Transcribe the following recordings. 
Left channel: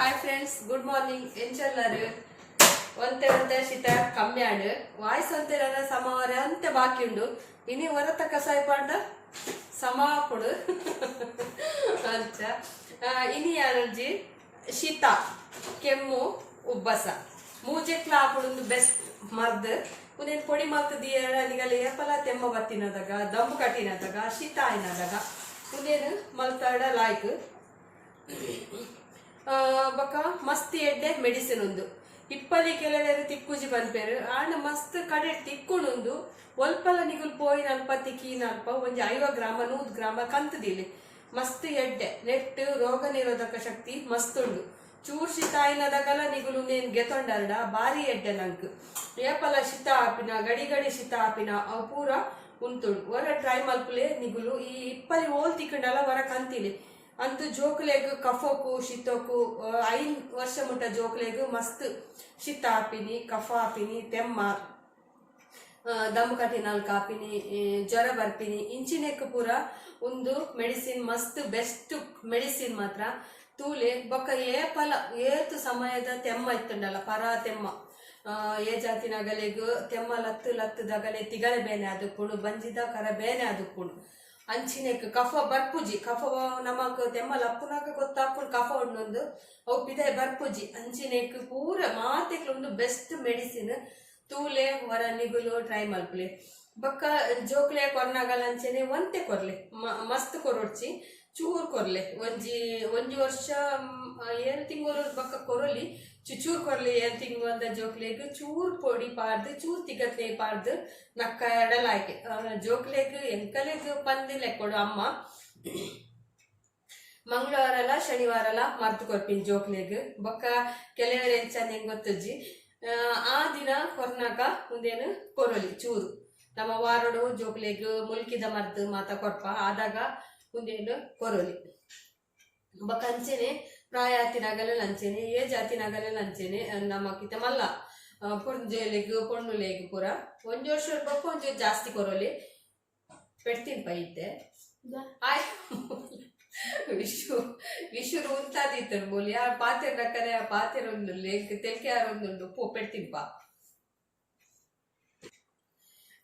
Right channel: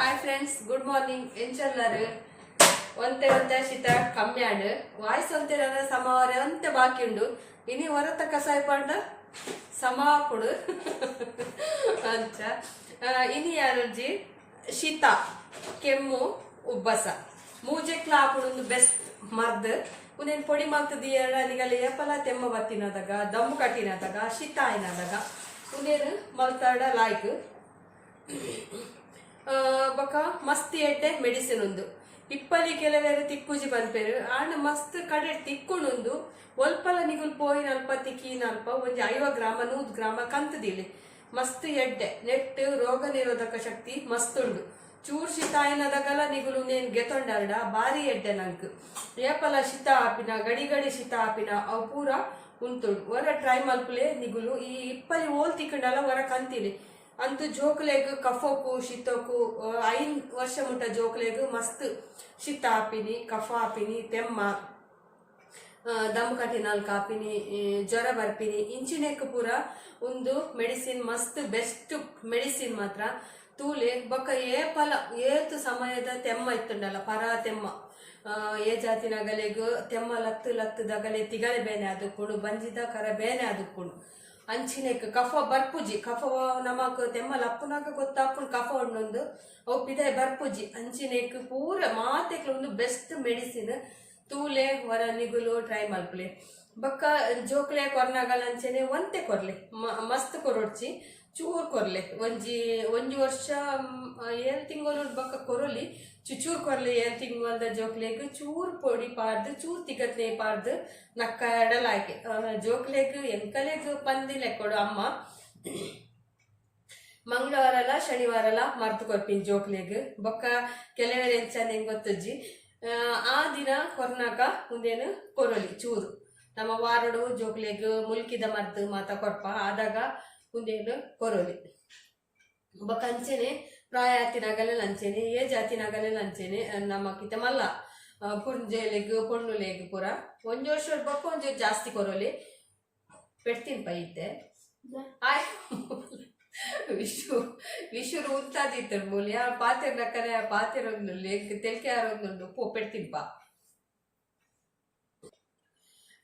Hi friends, good morning. ಎಂಚಲ್ಲರು ಒಂತೆ ಶೀತ ಕಮ್ಮಿ ಆಡು ವಾಯ್ಸ್ ಒಂತೆ ಸಮವರೆ ಒಂತೆ ಬಾಕಿ ಉಂಡು ಇನಿ ಹೊರತ ಕಸಾಯ ಪಾಂಡ ಸಮ ಕೊಡು ಅಂಚ ಇನಿ ಯಾರಜ್ಜಿ ಶೀತ ಕೆಮ್ಮು ಉಬ್ಬಸ ಮೂಜೆಕ್ಲ ಹಾಕೊಂಡು ಬೆಸ್ಟ್ ಮರ್ದ್ ಉನೇನು ಪೊಡಿ ಮಲ್ತದಿ ನಿಗಲ್ಲಿ ಏಪಲ ತೆಮ್ಮ ಬತ್ತಿನದಾಗ ದಮ್ಮು ಕಟ್ಟಿನದಾಗ ಶೀತ ಆಯ್ನದಾಗ ಉನೇನು ಮಲ್ತಾಡ ಲಾಯ್ಕ್ ಬೊಕ ಮಸ್ತ್ ಎಡ್ಡೆ ಮೆಡಿಸಿನ್ ಉಂದು ಇಪ್ಪಲಿ ಕೆಲವೇರು ತಿಕ್ಕುಜಿ ಬಂದ್ಪೇರು ಆಂಡ ಮಸ್ತ್ ಕಡೆ ತಿಕ್ಕುಣುಂದು ಒಲ್ಪಲ ನಿಗುಲ್ ಪೋಯಿನ ಅಲ್ಪ ತಿಕ್ಕಿನ ಅಲ್ಪ ಒಂಜಿ 50 ಗ್ರಾಮ 100 ಗ್ರಾಮ ಕಂತದಿಲ್ಲಿ ಮಸ್ತ್ ಎಡ್ಡೆ ನೆಟ್ ರೋಗ ನಿರೋಧಕ ಶಕ್ತಿ ಮಸ್ತ್ ಉಂಡು ಚೂರ್ ಶೀತ ಆಯ್ನದಾಗಲ ನಿಗುಲು ನೇನ್ ಗೆತೊಂಡಾರ್ಡ ಬಾರಿ ಎಡ್ಡೆ ನಂಕ್ ಏಪಲ ಶೀತ ಆಪಿನ ಗಡಿ ಗಡಿ ಶೀತ ಆಪಿನ ಅವು ಪೂರ ಉಂತುಂಡು ಹೊರ ಟ್ರೈ ಮಲ್ಪುಲೆ ನಿಗುಲು ಈ ಇಪ್ಪಲಿ ಓಲ್ ತಿಕ್ಕಂಡಲ್ಲ ಹೊರ ಕಂತಿಲಿ ಅಂತೂ ಜೋಕ್ಲೆಗ್ ಕಫೋಕು ಶೀತೋಕು 5 ವರ್ಷ ಮುಟ್ಟ ಜೋಕ್ಲೆಗ್ ಮಸ್ತ್ ಶೀತ ಆಪಿನಿ ಕಫ ಆಪಿನಿ ತೆಮ್ಮ ದಮ್ ಕಟ್ಟಿನಾಲ್ ಕಾಪಿನಿ ಜ್ವರ ಬರ್ಪಿನಿ ಇಂಚಿನೆಕ್ ಪೂರ ಒಂದು ಮೆಡಿಸಿನ್ ಮಸ್ತ್ ಬೆಸ್ಟ್ ಮೆಡಿಸಿನ್ ಮಾತ್ರ ತೂಲೆ ಬೊಕ್ಕ ಏಪಲ ಏತು ಸಮಯದ ತೆಮ್ಮ ಇತ್ತುಂಡಲ್ಲ ಪರ ತೆಮ್ಮ ಏ ಜಾತಿನಗಲೆಗ್ ತೆಮ್ಮ ಲತ್ತು ಲತ್ತುದಗಲೆ ತಿಗಲೆ ಬೇನೆ ಆದುಕೊಂಡು ಬಂಜಿದ ಕರ ಬೇನೆ ಆದುಕೊಂಡು ಅಂಚಿನೆಕ್ ಕಫ ಬರ್ಪುಜಿ ಕಫ ನಮಕ್ ತೆಮ್ಮ ಲಪ್ಪುನಾಗ ಗೊತ್ತಾಕೊಂಡು ಕಫ ಉಂಡೊಂದು ಅವು ಪಿದೆ ಬರ್ಪುಜಿ ಅಂಚಿನೆಕ್ ಪೂರ ಮಾತೆಕ್ಲ ಒಂದು ಬೆಸ್ಟ್ ಮೆಡಿಸಿನ್ ತೂಲೆ ಹೊರ ನಿಗುಲು ಟ್ರೈ ಮಲ್ಪಲೆ ಬೊಕ್ಕ ಜೋಕ್ಲೆ ಕೊರ್ನಾಗಲ ಅಂಚೆನೆ ಒಂತೆ ಕೊರ್ಲೆ ಮಸ್ತ್ ಕೊರೊಡ್ಚಿ ಚೂರ್ ಕೊರ್ಲೆ ಒಂಜಿ ವರ್ಷ 7 ತಿಂಗಳು ಬೊಕ್ಕ ಕೊರೊಲಿ ಚೂರ್ ಕೊರ್ಲಿ 7 ತಿಂಗಳದ ಜೋಕ್ಲೆಗ್ ಚೂರ್ ಪೊಡಿ ಪಾರ್ದು ಚೂರ್ ತಿಗತ್ನೆ ಪಾರ್ದು ನಕ್ಕಡಲಾಯ್ಕೆ ಜೋಕ್ಲೆಗ್ ಎಂಕಲೆಗ್ ಪಂದಿಲೆ ಕೊಡು ಅಮ್ಮ ಮಂಗಳವಾರಲ ಶನಿವಾರಲ ಮರ್ತು ಕೊರ್ಪಿನ್ ಜೋಕ್ಲೆಗ್ ಬೊಕ್ಕ ಕೆಲವರೆ ಎಂಚಂದ ಹೆಂಗ್ ಗೊತ್ತಜ್ಜಿ ಆ ದಿನ ಕೊರ್ನಾಕ ಮುಂದೇನು ಕೊರೊಲಿ ಚೂರು ನಮ್ಮ ವಾರಡು ಜೋಕ್ಲೆಗ್ ಮುಲ್ಕಿದ ಮರ್ದು ಮಾತ ಕೊರ್ಪ ಆದಾಗ ಮುಂದೇನು ಕೊರೊಲಿ ಬೊಕ್ಕ ಅಂಚೆನೆ ಪ್ರಾಯ ಆತಿನಾಗಲೆ ಲಂಚೆನೆ ಏ ಜಾತಿನಾಗಲೆ ಲಂಚೆನೆ ನಮಕಿತ ಮಲ್ಲ ಪುಂಜೆಲೆಗ್ ಪೊಣ್ಣುಲೆಗ್ ಪೂರ ಒಂಜಿ ವರ್ಷ ಬೊಕ್ಕ ಒಂಜಿ ಜಾಸ್ತಿ ಕೊರೊಲಿ ಪೆಡ್ತೀನಿ ಪೈತೆ ಆಯ್ ವಿಶು ಉಂತಾದಿತ್ತು ಮೂಲಿ ಆ ಪಾತೆರ ನಕ್ಕರೆ ಆ ಪಾತೆರ ಒಂದು ಲೆಗ್ ತೆಲ್ಕೆ ಆರೊಂದು ಪೋ ಪೆಡ್ತೀನಿ ಪಾ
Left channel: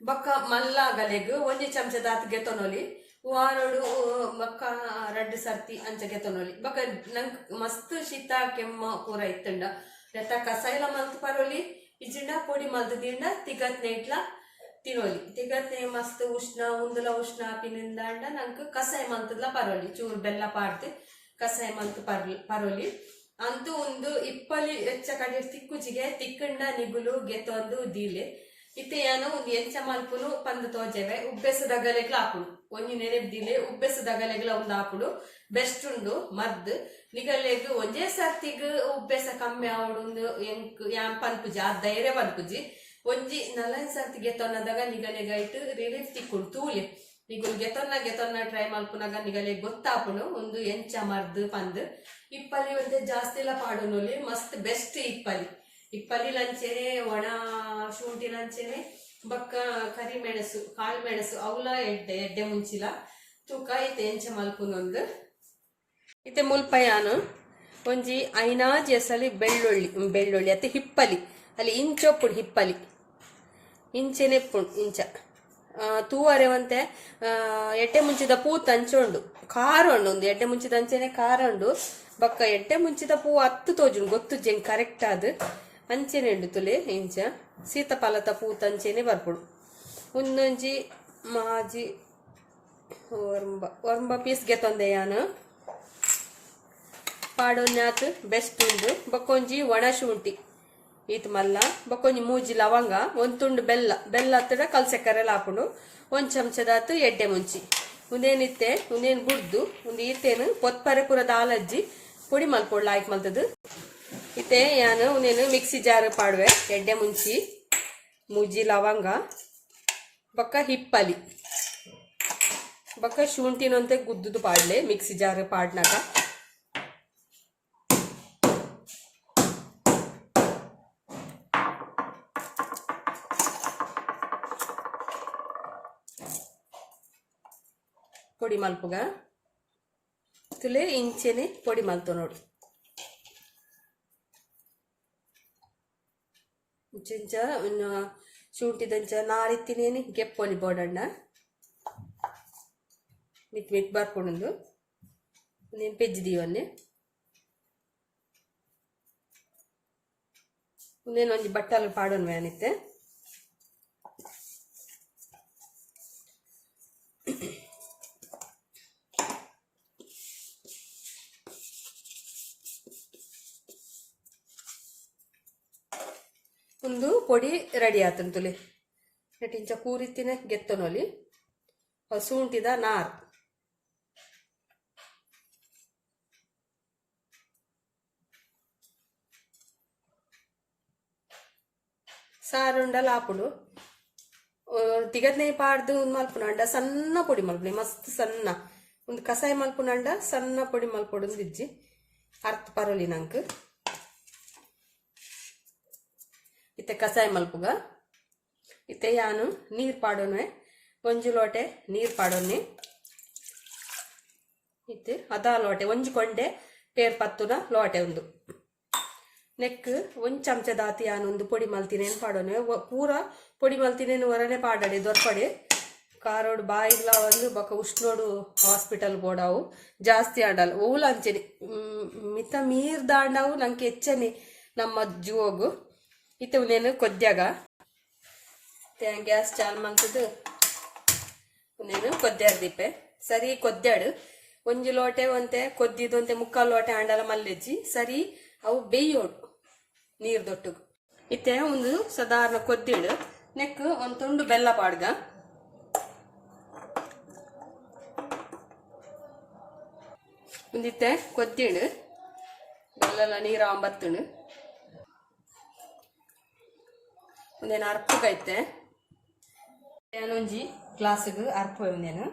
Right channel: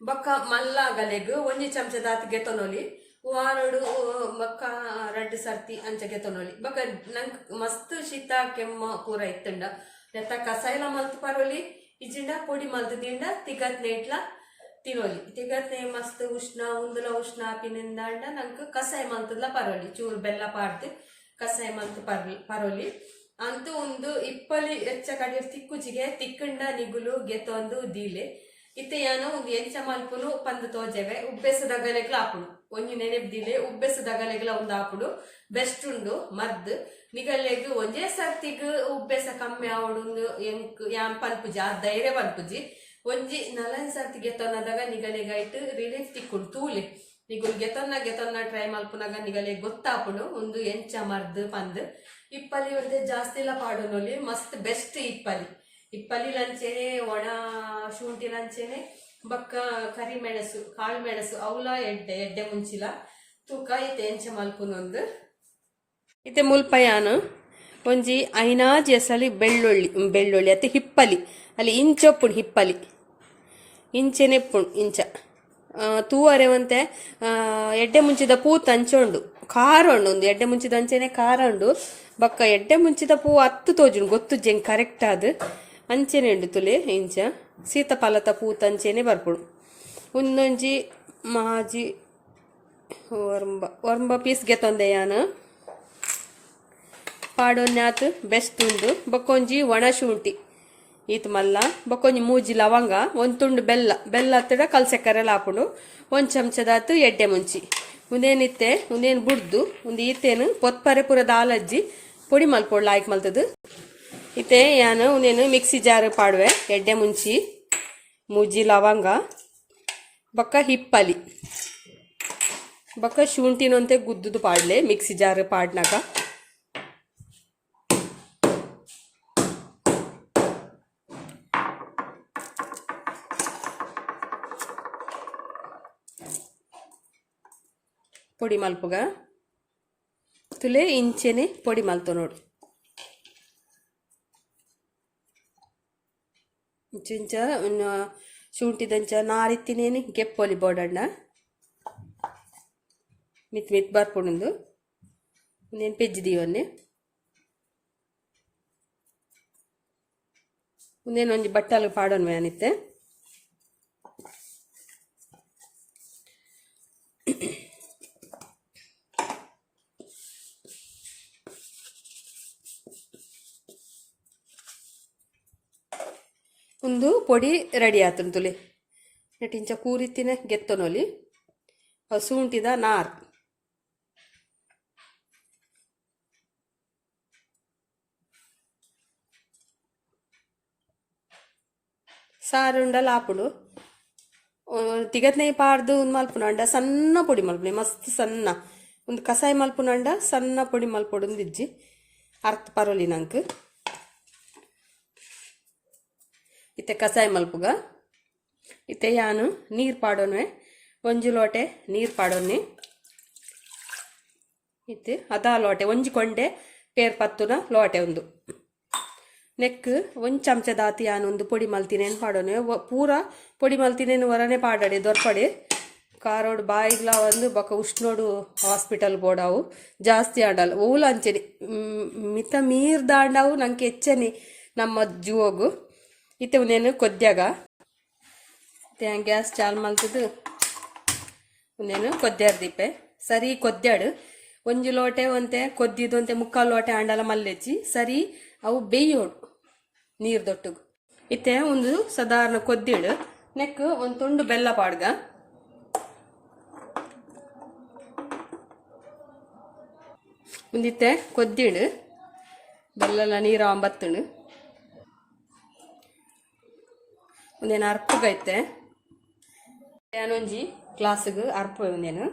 ಬೊಕ್ಕ ಮಲ್ಲಾಗಲೆಗ್ ಒಂಜಿ ಚಮಚದ ಆತ್ಗೆ ತೊನೊಲಿ ವಾರಡು ಬೊಕ್ಕ 2 ಸರ್ತಿ ಅಂಚಗೆ ತೊನೊಲಿ ಬೊಕ್ಕ ನಂಗೆ ಮಸ್ತ್ ಶೀತ ಕೆಮ್ಮ ಪೂರ ಇತ್ತಂಡ ನೆತ್ತ ಕಸಾಯಲ ಮಲ್ತು ಪರೋಲಿ ಇಜಿಂಡ ಪೊಡಿ ಮಲ್ತು ತಿಂಡ ತಿಗತ್ನೆ ಇಟ್ಲ ತಿನ್ನೋಲಿ ತಿಗತ್ನೆ ಮಸ್ತ್ ಉಷ್ಣ ಉಂದುಲ ಉಷ್ಣ ಪಿನಿಂದಾಂಡ ನಂಗೆ ಕಸಾಯ ಮಲ್ತದ್ಲ ಪರೋಲಿ ಚೂರು ಬೆಲ್ಲ ಪಾಡ್ದು ಕಸಾಯ ಮಲ್ತು ಪರೋಲಿ ಅಂತೂ ಒಂದು ಇಪ್ಪಲಿ ಹೆಚ್ಚ ಕಡೆ ತಿಕ್ಕುಜಿಗೆ ತಿಕ್ಕಂಡ ನಿಗುಲು ಗೆತ್ತೊಂದು ದೀಲೆ ಇತ್ತೆ ಏನು ಒಂದು ಎಂಚ ಮಲ್ಪುನು ಪಂದು ತೋಜೆವೆ ಉಬ್ಬೆಸದಗಲೆಗ್ಲ ಹಾಪುಡು ಒಂಜಿ ನೆನೆಬ್ದಿಲೆ ಉಬ್ಬೆಸದಗಲೆಗ್ಲ ಒಂದು ಹಾಪುಡು ಬೆಸ್ಟ್ ಉಂಡು ಮದ್ದು ನಿಗಲೆಗ್ ಒಂದೇ ಸರ್ತಿಗ್ ಉಬ್ಬೆಸ ಕಮ್ಮಿ ಆವಡು ಎಂಕ್ ಯಾನ್ ಪನ್ಪುಜಿ ಆ ಧೈರ್ಯ ಪನ್ಪುಜಿ ಒಂಜಿ 4 ಸರ್ತಿ ಗೆತೊನ್ನದಾಗ ನಿಗಲೆಗೈಟ್ ರಿಲೀಫ್ ತಿಕ್ಕುಂಡು ತೂಲೆ ನಿಗುಲ್ ಗೆತೊನ್ನ ಟ್ರೈ ಮಲ್ಪುನಾಗ ನಿಗಲೆ ಗೊತ್ತಾಪುಂಡು ಒಂದು ಎಂಚ ಮರ್ದು ಪಂದ್ ಇಪ್ಪಲಿ ಒಂದೇ ಜಾಸ್ತಿ ಎಲ್ಲ ಪಾಡುನೊಲಿ ಮಸ್ತ್ ಬೆಸ್ಟ್ ಇಪ್ಪಲಿ ಲಂಚೆನೆ ಒಣ ಶುಂಠಿ ಲಂಚೆನೆ ಬೊಕ್ಕ ಕರಿಮೆಣಸು ಕಾಳು ಮೆಣಸು ಅವಲ ಎಡ್ಡೆ ಮುಂಚಿಲ ತೂಕ ಇತ್ತೆ ಎಂಚ ಮಲ್ಪುನೊಂದು ಇತ್ತೆ ಮುಲ್ಪಯಾನು ಒಂಜಿ 5 ಎಸಲಿ ಬೆಳ್ಳುಳ್ಳಿ ಅತ್ತೆ ಹಿಪ್ಪಲಿ ಅಲ್ಲಿ ಇಂಚೊಪ್ಪುಡು ಹಿಪ್ಪಲಿ ಇಂಚೆನೆಪ್ಪುಂಡು ಇಂಚ ತೂವರೆ ಒಂತೆ ಎಡ್ಡೆ ಮುಂಚಿದ ಪೂ ತಂಚೊಂಡು ಖಾರ ಉಂಡು ಒಂದು ಎಡ್ಡೆ ಮುಂಚಿದ ಅಂಚೆನೆ ಖಾರ ಉಂಡು ಬೊಕ್ಕ ಎಡ್ಡೆ ಮುಂಚಿದ ಪೂ 10 ತೋಜುಂಡು ಗೊತ್ತು ಜಂಗ್ ಕರೆಕ್ಟ್ ಆದ್ ಅಂಚೆನೆ ಉಂಡು ತುಲೆ ಇಂಚ ಸೀತಾಫಲದ ಪೂ ತಂಚೆನೆ ಬರ್ಪುಡು ಒಂದೊಂಜಿ ಮಾಜಿ ಒರ್ಂಬ ಪೀಸ್ ಗೆತೊಂದೆ ಯಾನು ಪಾಡೊನ್ಯಾತ್ ಬೆಸ್ಟ್ ಉಂಡು ಬೊಕ್ಕೊಂಜಿ ಒಣ ಶುಂಠಿ ಈತ್ ಮಲ್ಲ ಬೊಕ್ಕೊಂಜಿ ಮೂಜಿ ಲವಂಗ ಒಂದು ತುಂಡು ಬೆಲ್ಲ ಹತ್ತಡ ಕಲ್ಸೆಕ್ಕರೆಲ್ಲ ಹಾಕೊಂಡು 1 ಚಮಚದಾತು ಎಡ್ಡೆ ಮುಂಚಿ ಉಂದೇನಿತ್ತೆ ಉಂದೇನು ಬುಡ್ದು ಒಂದು ಈತೇನು ಪೊತ್ಪರೆ ಪುರದ ಆಲಜ್ಜಿ ಪುಡಿ ಮಲ್ಪೊಡ್ಲು ಆಯ್ಕೆ ಮಲ್ತದು ಇತ್ತೆ ಯಾನು ಉಂದೇನು ಮಿಕ್ಸಿ ಜಾರ್ ಪಾಡುವೆ ಎಡ್ಡೆ ಮುಂಚಿ ಮೂಜಿ ಲವಂಗ ಬೊಕ್ಕ ಹಿಪ್ಪಲಿ ಬೊಕ್ಕ ಶುಂಠಿನಂತೆ ಗುದ್ದುದು ಪಾಡ್ಲೆ ಮಿಕ್ಸಿ ಜಾರ್ ಪಾಡ್ನಾಗ ಪೊಡಿ ಮಲ್ಪುಗ ತುಲೆ ಇಂಚೆನೆ ಪೊಡಿ ಮಲ್ತು ನೋಡು ಇಂಚ ಶುಂಠಿದಂಚ ನಾರಿತ್ತಿನೇನು ಗೆಪ್ಪೊಲಿ ಬೋಡಣ್ಣ ಮಿತ್ ಮಿತ್ ಬರ್ಪುಂಡು నేను పెజ్ಜಿದೀವನ್ನೇ నేను ಒಂಜಿ ಬಟ್ಟಲು ಪಾಡೋನ್ ವ್ಯಾನಿತ್ತೆ ಒಂದು ಪೊಡಿ ರೆಡಿ ಆತನ್ ತುಲಿ ನೆಟ್ಟಿಂಚ ಕೂರಿತ್ತಿನ ಗೆತ್ತನೊಲಿ ಹಸುಂಟಿದ ನಾರ್ ಸಾರುಂಡಲ ಆಪುಡು ತಿಗತ್ನೇ ಪಾಡ್ದು ಒಂದು ಮಲ್ಪುನಂಡ ಸಣ್ಣ ಪೊಡಿ ಮಲ್ಪುನೆ ಮಸ್ತ್ ಸಣ್ಣ ಒಂದು ಕಸಾಯ ಮಲ್ಪುನಂಡ ಸಣ್ಣ ಪೊಡಿ ಮಲ್ಪೊಡು ಒಂದಿಜ್ಜಿ ಅರ್ಥ ಪರೋಲಿ ನಂಗೆ ಇತ್ತೆ ಕಸಾಯ ಮಲ್ಪುಗ ಇತ್ತೆ ಯಾನು ನೀರು ಪಾಡೋನ್ವೆ ಒಂಜಿ ಲೋಟೆ ನೀರು ಪಾಡೋನ್ನಿ ಇತ್ತೆ ಅದ ಲೋಟೆ ಒಂಜಿ ಕೊಂಡೆ ಪೇರ್ ಪತ್ತುನ ಲೋಟೆ ಒಂದು ನೆಕ್ ಒಂದು ಚಮಚದಾತಿ ಯಾನೊಂದು ಪೊಡಿ ಮಲ್ತಿನೇನು ಪಾಡೋನೆ ಪೂರ ಪೊಡಿ ಮಲ್ತಿನೇನು ಹೊರನೆ ಪಾಡಾಡೆ ದೊರ್ಪಡೆ ಕಾರೋಡು ಬಾಯಿಗ್ಲ ಒಂದು ಬೊಕ್ಕ ಉಷ್ಣೋಡು ಹಾಸ್ಪಿಟಲ್ ಬೋಡಾವು ಜಾಸ್ತಿ ಆಡಲ್ಲ ಓಲು ಅಂಚೆನೆ ಮಿತ ಮೀರ್ ದಾಂಡಾವು ನಂಗೆ ಹೆಚ್ಚನೆ ನಮ್ಮ ಜೂವಗು ಇತ್ತೆ ಒಂದೇನು ಕೊದ್ಯಾಗ ಗ್ಯಾಸ್ ಚಾಲು ಮಲ್ತದ್ದು ಒಂದೇನು ಕೊದ್ಯಾಡ ದೀಪೆ ಸರಿ ಕೊದ್ಯಾಡು ಒಂಜಿ ಲೋಟೆ ಒಂತೆ ಕೊದ್ದಿದ್ದು ಅಂತೆ ಮುಕ್ಕಾಲು ಲೋಟೆ ಆಂಡಲ ಮಲ್ಲೆಜ್ಜಿ ಸರಿ ಅವು ಬೇಯೋಡು ನೀರು ದೊಟ್ಟುಗು ಇತ್ತೆ ಒಂದು ಸಾಧಾರಣ ಕೊದ್ದಿಡು ನೆಕ್ ಒಂದು ತುಂಡು ಬೆಲ್ಲ ಪಾಡ್ಗ ಒಂದಿತ್ತೆ ಕೊದ್ದಿಡು ಬೆಲ್ಲ ನೀರು ಬತ್ತುಂಡು ಒಂದೇನು ಅರ್ಪಗೈತೆ ಏನೊಂಜಿ ಗ್ಲಾಸ್ಗೆ ಅರ್ಪ ಒಂದೇನು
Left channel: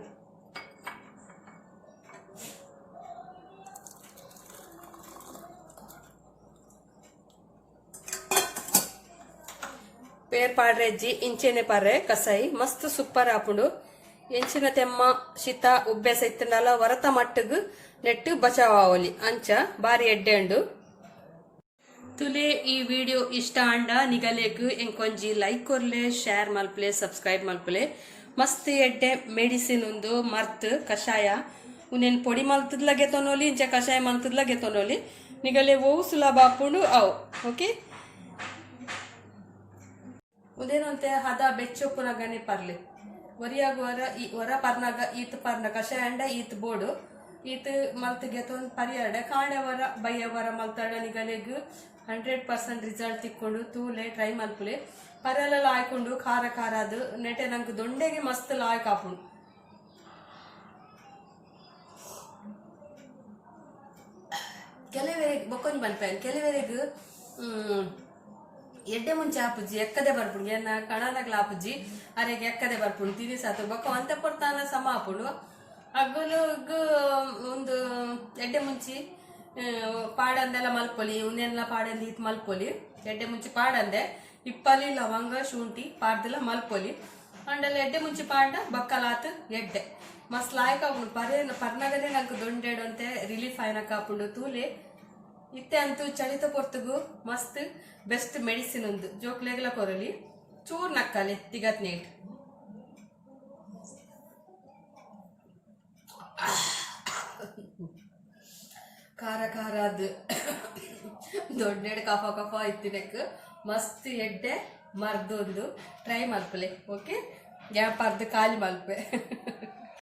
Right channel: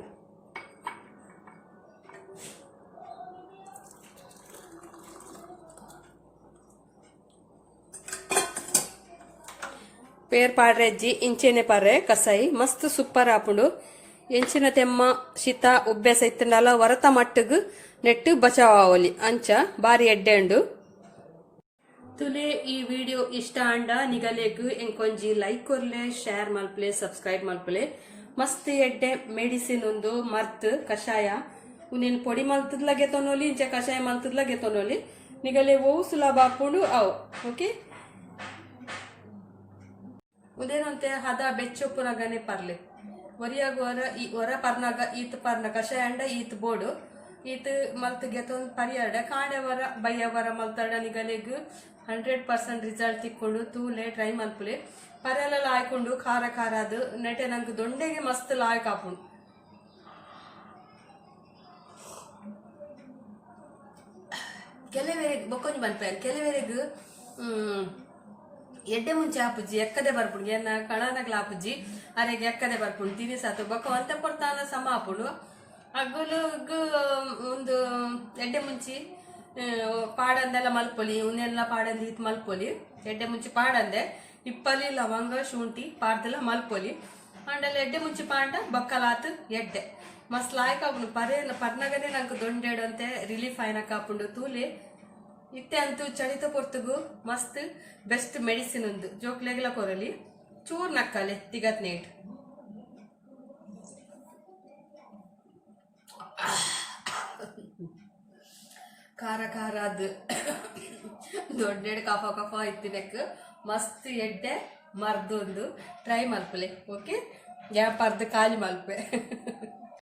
పేరు పాడ్రెజ్జి ఇంచెనే పర్రే కసాయి మస్తు సూపర్ ఆపుడు ఎంచిన తెమ్మ శీత ఉబ్బೆಸ ಇತ್ತಂಡಲ ವರತ ಮಟ್ಟಗ್ ನೆಟ್ಟು ಬಚಾವಲಿ ಅಂಚ ಬಾರಿ ಎಡ್ಡೆಂಡು ತುಲೆ ಈ ವಿಡಿಯೋ ಇಷ್ಟ ಅಂಡ ನಿಗಲೆಗ್ ಎಂಕೊಂಜಿ ಲೈಕ್ ಕೊರ್ಲೆ ಶೇರ್ ಮಲ್ಪಲೆ ಸಬ್ಸ್ಕ್ರೈಬ್ ಮಲ್ಪಲೆ ಮಸ್ತ್ ಎಡ್ಡೆ ಮೆಡಿಸಿನ್ ಒಂದು ಮರ್ತ್ ಕಷಾಯ ಉನೇನ್ ಪೊಡಿ ಮಲ್ತದ್ಲಾಗೆ ತೊನೋಲಿ ಇಂಚ ಕಷಾಯ ಮಲ್ತದ್ಲಾಗೆ ತೊನೋಲಿ ನಿಗಲೆ ಓವು ಸುಲಭ ಆಪುಂಡು ಅವು ಓಕೆ ಉದೇನಂತೆ ಹದ ಬೆಚ್ಚೊಪ್ಪುನಾಗನೆ ಪರ್ಲೆ ಒರಿಯಾಗ ಹೊರ ಪರ್ನಾಗ ಈತ್ ಪರ್ನ ಕಷಾಯ ಅಂಡ ಈತ್ ಬೋಡು ಈತ್ ಮಲ್ತಿಗೆ ತೊಂದು ಪರಿಯಾಡ ಕಾಣೆವರ ಬಯ್ಯವರ ಮಲ್ತಾಡ ನಿಗಲೆಗ್ 100% ರಿಸಲ್ಟ್ ತಿಕ್ಕೊಂಡು ತೂಲೆ ಟ್ರೈ ಮಲ್ಪುಲೆ ಪರೆಲ್ಲ ಆಯ್ಕೊಂಡು ಖಾರ ಖಾರ ಅದು ನೆಟೆ ನಂಗೆ ದೊಂಡೆಗೆ ಮಸ್ತ್ ಲಾಯಕ್ ಆಪುಂಡು ಕೆಲವರಿಗೆ ಬೊಕ್ಕೊಂಜಿ ಮನ್ಪೆ ಕೆಲವರಿಗೆ ಎಡ್ಡೆ ಮುಂಚೆ ಆಪುಜ್ಜಿ ಎಕ್ಕದೆ ಬರ್ಪುಂಡು ಏನ ಕಣನಗ್ಲ ಆಪುಜ್ಜಿ ಅರೆಗೆ ಎಕ್ಕದೆ ಬರ್ಪುಂಡು ತಿನಿಸಾತು ಬೊಕ್ಕ ಒಂತೆ ಕೊಡ್ತಾನ ಸಮ ಆಪುಂಡು ಅಗ್ಗುಲು ಒಂದು ಎಡ್ಡೆ ಮುಂಚಿ ಪಾಡಂದೆಲ್ಲ ಮಲ್ಪೊಲಿ ಉನ್ನೆಲ್ಲ ಪಾಡಂದು ಈತ್ ಮಲ್ಪೊಲಿ ಎಡ್ಡೆ ಮುಂಚಿ ಪಾಡಂದೆ ಇಪ್ಪಲಿ ಲವಂಗ ಶುಂಠಿ ಪಾಡ್ದೆಲ್ಲ ಮಲ್ಪೊಲಿ ಅಂಡೆಲ್ಲ ಎಡ್ಡೆ ಮುಂಚಿ ಪಾಡ ಬಕ್ಕಲಾತ್ ಎಡ್ಡೆ ಮಸ್ತ್ ಲಾಯ್ಕ್ ಆಪುಂಡು ಪರ್ನಗನೆ ನಂಗೆ ದೊಂಡೆಡು ಅಂತೆ ರಿಲೀಫ್ ಆಯ್ನಕ್ ಆಪುಂಡು ತೂಲೆ ಇತ್ತೆ ಅಂತೂ ಚಳಿತ ಪೊರ್ತುಗು ಮಸ್ತ್ ಬೆಸ್ಟ್ ಮೆಡಿಸಿನ್ ಒಂದು ಜೋಕ್ಲೆಗ್ಲ ಕೊರಲಿ ಚೂರ್ ನಕ್ಕಲೆ ತಿಗತ್ ನೇಟ್ ಖಾರ ಖಾರ ಅದು ದೊಡ್ಡ ಕಫ ಕಫ ಇತ್ತಿನಕ್ ಮಸ್ತ್ ಎಡ್ಡೆ ಮರ್ದೊಂದು ಟ್ರೈ ಮಲ್ಪಲೆ ಓಕೆ ಯಾ ಪರ್ದು ಖಾಲಿ ಮಲ್ಪೆ